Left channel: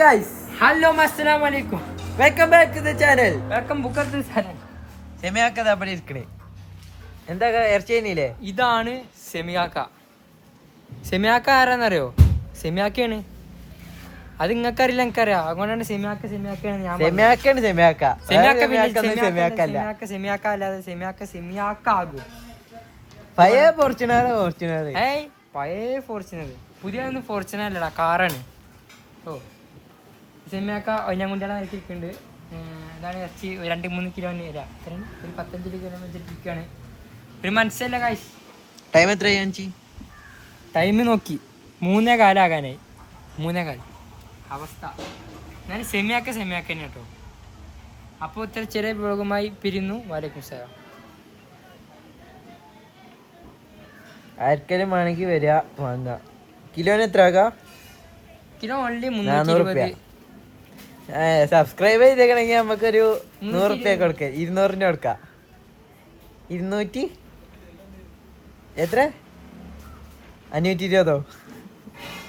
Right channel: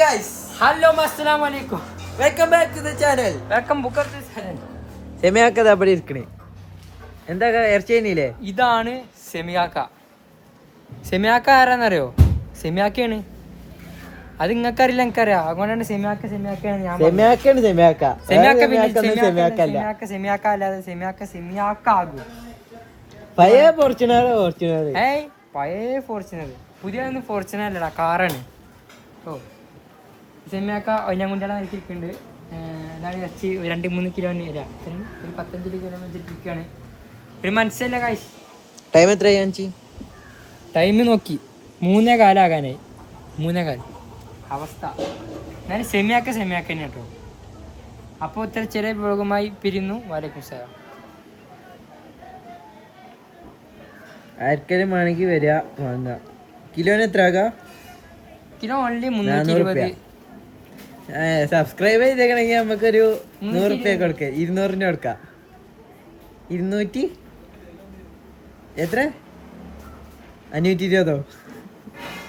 Guys, hello അസ്സലാമു അലൈക്കും, welcome back to the channel. Welcome ബുക്കത്ത് ചാനൽ. സെമിയാക്കത് അവിടെ ഇരിക്കണേ. എന്താ ഇറച്ചിയില്ലേ? ഇതാണ് സെമിയാക്ക. സെമിയാക്ക ആരാന്നറിയോ? സെമിയാക്കയാണ്. അത് നിങ്ങൾക്കറിയില്ല, എനിക്കറിയാം. അതുകൊണ്ടാണ് സെമിയാക്കയാണ് ഞാൻ സെമിയാക്കാണ്. സെമിയാക്ക സെമിയാക്ക അല്ലാതെ സെമിയാക്ക ആകും. പഴയ ഫോർച്യൂണർ. ഏയ് പഴയ ഫോർച്യൂണർ, പുതിയ ഫോർച്യൂണർ അല്ലടാ, കാറാണ്. ഓ സെമിയാക്ക ഒഞ്ഞാങ്കുണ്ടിയുടെ വരച്ചിരിക്കുന്നുണ്ട്. ഇതാണ് ഇറച്ചി. 2-3 കിലോ ഒരു 15 കിലോ വെച്ചിട്ടിരിക്കുകയാണ്. ഒരു മനസ്സിലല്ല കാശ്. ടൈം എത്രയാ? ടൈം നോക്കി 3:15 ആകാനായി. 3:15 അവസ്ഥ. ഞാൻ സെമിയാക്ക തന്നെ കേട്ടോ. അപ്പോൾ ഇത്ര ചെറിയ വ്ളോഗുമായി പിരിയുന്നു. വലൈക്കും സലാം. ആർക്കെങ്കിലും വേണമെങ്കിൽ വരിക, വാങ്ങുക. കിലോന് എത്ര ആകാം? Kilo only 320. സബ്സ്ക്രൈബ് ചെയ്തേക്കണെങ്കിൽ നമുക്കൊരു 100 റുപ്യ കൊടുക്കാം. 200 കൊടുക്കാം. 200 എത്ര? 520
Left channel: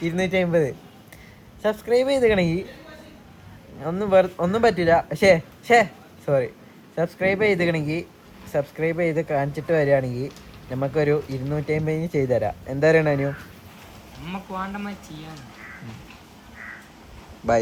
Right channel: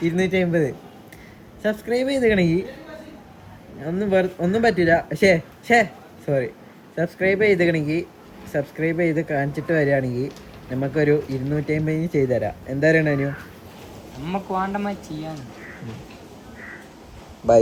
250. സബ്സ്ക്രൈബ് ചെയ്തേക്കണെങ്കിൽ ഒന്നും പറ്റില്ല. സോറി, സബ്സ്ക്രൈബ് ചെയ്ത് കാണിച്ചിട്ട് വരികയാണെങ്കിൽ നമുക്കൊരു 250 ചെയ്തു തരാം. എന്താ പറയണു? നമുക്ക് വേണ്ടമായി ചെയ്യാൻ. ബൈ.